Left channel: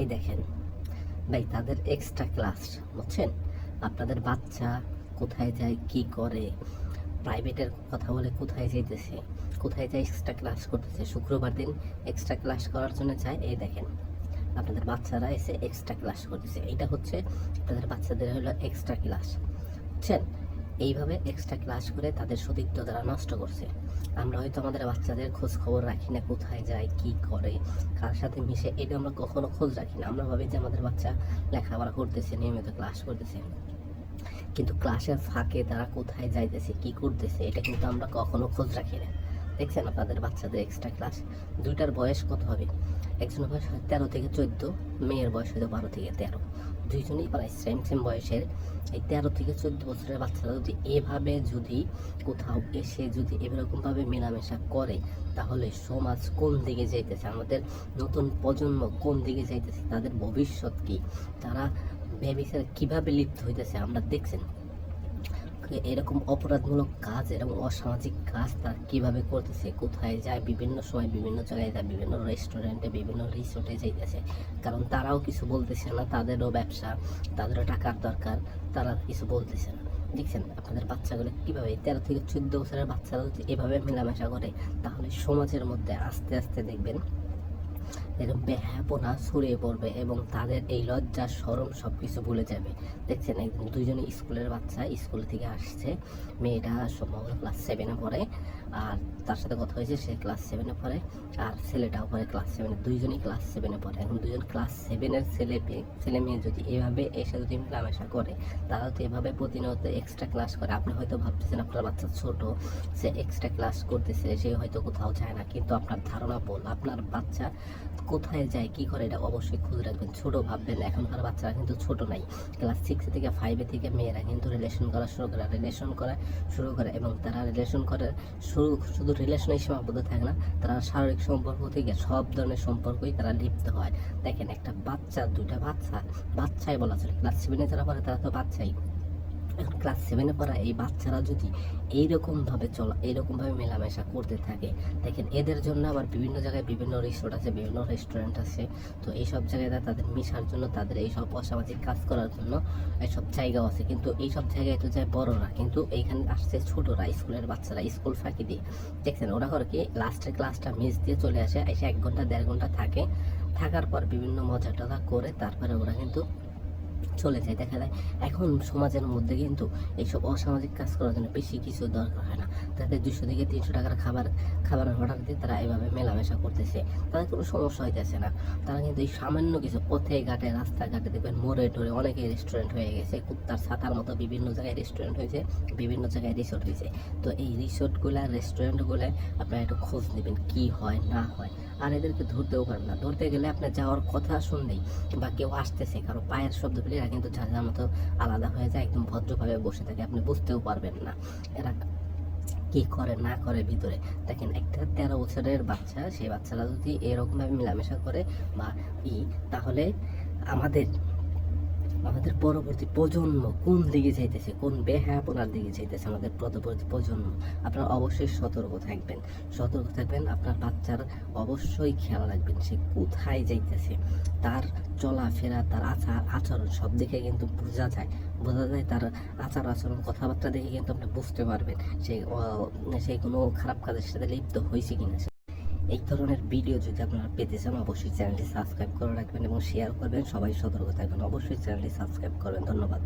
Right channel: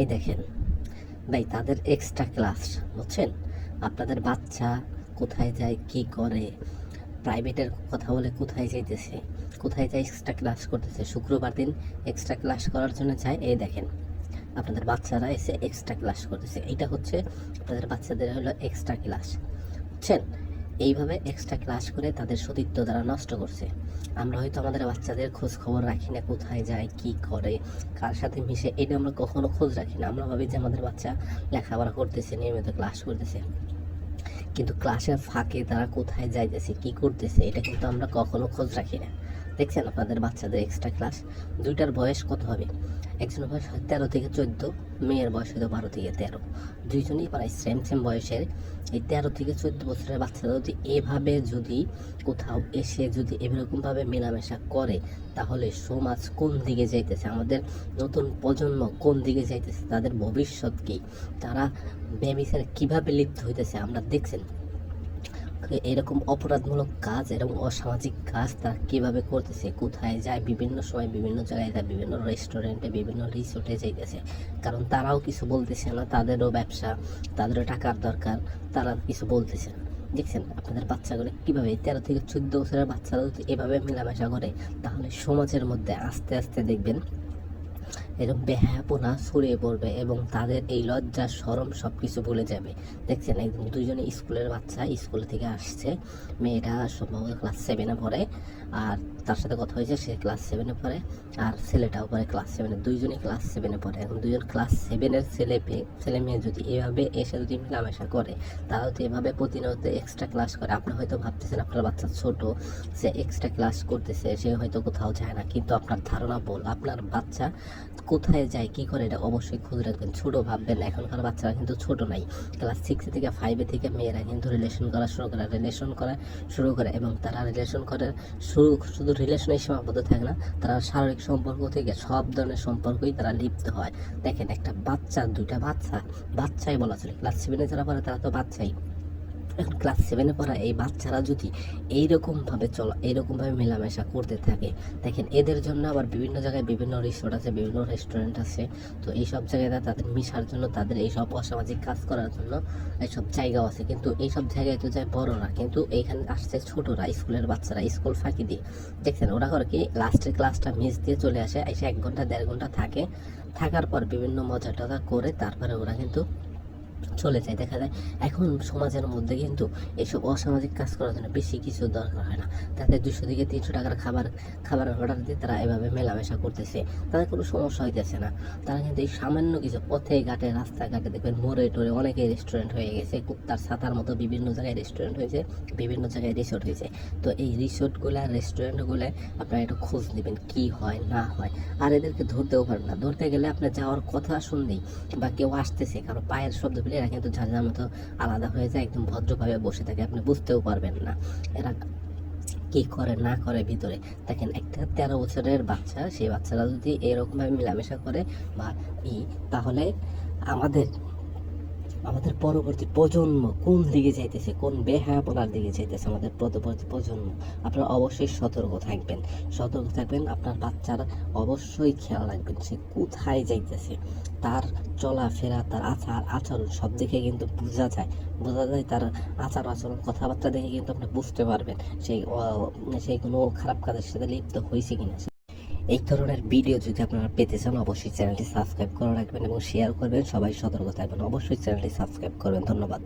এই দেখেন। ভাই, তাদের এক্সট্রা ক্লাস বুঝছেন? আপনাদের বাচ্চা কোথায় যায়, কি করে? প্রাইভেটের কথা বলে কোথায় যাইতেছে? কোথায় যায় এক্সট্রা ক্লাস করতেছে? শুক্রবার দিন এক্সট্রা ক্লাস করার জন্য যায়। এই দেখেন, আপনাদের বাচ্চারা এসে এক্সট্রা ক্লাস করতেছে। এটা হচ্ছে আপনাদের বাচ্চাদের হলো এক্সট্রা ক্লাস বুঝছেন? এইভাবে এক্সট্রা ক্লাস করে তাদের সতীত্ব তারা নষ্ট করছে। আমরা হয়তো আমাদের বাচ্চাদের খোঁজ খবর রাখি না কোথায় যায়, কি করে, কার সাথে মিশে, এটা আমরা কখনো খোঁজ রাখি না। আমরা ভাবি যে আমাদের বাচ্চা লেখাপড়া করতেছে, নিয়মিত ক্লাস করতেছে। কিন্তু ক্লাসের ফাঁকে তারা কোথায় যাইতেছে, কি করতেছে, এটা কিন্তু আমরা কখনো খোঁজ রাখি না। দেখছেন আপনাদের বাচ্চাদের এক্সট্রা ক্লাস দুইটার বয়স কত হবে? একজনের বয়স হয় তেরো থেকে চোদ্দ, মেয়ের বয়স হয়তো বারো থেকে তেরো। দুইজনই প্রায় সেম সেম বয়সের। এই তেরো থেকে চোদ্দ বছরের বাচ্চারা যদি এভাবে যদি কোথাও এসে যদি এরকমভাবে মেলামেশা করে, তাহলে সমাজ কোন দিকে যাইতেছে? আমাদের নতুন প্রজন্ম কোন দিকে যাইতেছে? তাদের ভবিষ্যৎ কী? তারা ব্যবসার কীভাবে লিপ্ত হইতেছে? আমরা দেখছেন। এরকম অপরাধমূলক কাজ, এরকম অসামাজিক কাজ তারা কীভাবে করতেছে, কোথায় যায়, বিভিন্ন সময় বিভিন্ন জায়গায় যায়, বিভিন্ন রেস্টুরেন্টে বিভিন্ন রিসোর্টে যাইতেছে। কারণ তারাও কিছু বলতেছে না, তাদেরও ব্যবসা, তাদেরও টাকার দরকার, তারা কিছু বলতেছে না। দেখছেন, আপনাদের বাচ্চাগুলো কীভাবে তেরো থেকে চোদ্দ বছরের বাচ্চারা যদি এভাবে মেলামেশা করে, তাহলে সমাজের মধ্যে আস্তে আস্তে দেখবেন এরকম বেহাপনা ছড়িয়ে পড়বে এবং তাদের এই লজ্জা সরম সব কিছু বলে যাবে। দেখছেন একদম দুজনে স্কুলের বাচ্চা, স্কুল থেকে আসছে। মেয়েটা সম্ভবত ক্লাস সেভেনে পড়ে। আর তার সাথে কথা হয়েছে, সে ক্লাস সেভেনে পড়ে আর ছেলেটাও পড়ে ক্লাস সেভেনে দুইজনই ক্লাস সেভেনে পড়ে। এখন দুজন ক্লাস সেভেনের ছেলে পেয়ে ছেলে মেয়ে যদি এভাবে এসে যদি মেলামেশা করে তারা তো এভাবে প্রতিনিয়ত এক্সট্রা ক্লাস করে। আপনি হয়তো ভাবতেছেন আপনার বাচ্চা ছোট, সে এক্সট্রা ক্লাস করতেছে, সে হয়তো কোথাও যায় না। কিন্তু আপনার ধারণা ভুল আপনার বাচ্চা কোথায় যায়, কি করে, এটা অবশ্যই খুঁজে রাখবেন। ছোটো ভাববেন, এখনকার বাচ্চারা কিন্তু ছোট নাই। ক্লাস সিক্স থেকে ফাইভে থেকে মেয়েরা কিন্তু রিলেশন করা শুরু করে রিলেশন করা শুরু করে এবং তারা রিলেশন করার শুরু, শুধু রিলেশনেই সীমাবদ্ধ থাকে না, তারা শারীরিক সম্পর্ক থেকে সব ধরনের সম্পর্কই তারা লিপ্ত হয়। দেখেন একটা বাচ্চা, দুইটা বাচ্চা, বাচ্চাই বলা চলে। ক্লাস সেভেনে যারা পড়ে তারা তো বাচ্চাই। ক্লাস সেভেনে পড়া এই বাচ্চারা যদি এইরকমভাবে চলা, এইরকমভাবে মেলামেশা করতে থাকে, দেখেন এদের জন্য আবার বিভিন্ন জায়গায় বিভিন্ন রিসোর্ট আছে, বিভিন্ন রেস্টুরেন্ট আছে, তো এইসব জায়গায় তাদের মিশার জন্য, তাদের এইসব অসামাজিক কাজ করার জন্য এইসব জায়গাও আছে। কিন্তু এইসব জায়গায় তো যায় বড়রা, কিন্তু এইখানে আসছে ছোটরা, স্কুলের বাচ্চারা, স্কুল ফাঁকি দিয়ে। দেখছেন, ওরা করে কি লাস্টের ক্লাসটা মিস দিয়ে চলে আসে, এসে এক ঘণ্টা, দেড় ঘণ্টা থাকে। থাকার পর বিভিন্ন মজা টজা করে তারপরে ওরা কিন্তু চলে যায়, দেখা যায়। এখন সমাজের মধ্যে কিন্তু এইসব অসামাজিক কাজ করার জন্য বেশি কিছু দরকার হয় না। তাদের দুশো থেকে তিনশো টাকার খাবার খাবারের অর্ডার দিয়ে তারা এভাবে মেলামেশা করতেছে। তাদের কোনো সমস্যা হইতেছে না। তারা কিন্তু এই সামান্য কিছু পথে ঘাটে, রাস্তাঘাটে দেখবেন মোড়ে টোড়ে অনেকে রেস্টুরেন্ট হয়ে গেছে, কুত্তার ছাতার মতো বিভিন্ন জায়গায় রেস্টুরেন্ট হয়েছে, বিভিন্ন জায়গায় রিসোর্ট হয়েছে। তো এই রিসোর্টগুলো রেস্টুরেন্টগুলো আপনারা একটু খোঁজ নেবেন কি হয়, না হয়। আর এদেরকে ধরতেও পারবেন না। ধরতে গেলে আপনার যাওয়ার কথা শুনলেই বা কেউ আসতেছে, কারও পায়ের শব্দ পেলে এরা কিন্তু যার যার মতো আলাদা হয়ে যায়, একদম ভদ্রভাবে বসে থাকে, আপনি বুঝতেও পারবেন না। এরা কি করে, না করে ভিতরে। দেখেন, একটা তেরো বছরের বাচ্চা, সেই বাচ্চারা যদি এরকমভাবে মেলামেশা করে বা ই, তাহলে আমাদের আমাদের পরবর্তী প্রজন্ম কোন দিকে যাইতেছে, কোন বেহা বেহায়াপনার দিকে যাইতেছে আমাদের পরবর্তী প্রজন্ম, আপনারা অবশ্যই সতর্ক থাকবেন। সতর্ক থাকবেন, আপনার বাচ্চার অবশ্যই খেয়াল রাখবেন সে কোথায় যাইতেছে। তার চলাফেরা, তার আচার, আচরণ সব দিকে কিন্তু বোঝা যায়। বোঝা যায় তার আচার, আচরণ, কথাবার্তা দেখে কিন্তু আপনি বুঝতে পারবেন সেই সেই কোনো খারাপ কাজের সাথে লিপ্ত হয়েছে কিনা। এই ধরনের ভিডিও যদি আপনারা পেতে চান, অবশ্যই চ্যানেলটি সাবস্ক্রাইব করে রাখবেন এবং শেয়ার করবেন। সবাই সতর্ক থাকবেন। অবশ্যই চ্যানেলটি সাবস্ক্রাইব করবেন। ধন্যবাদ।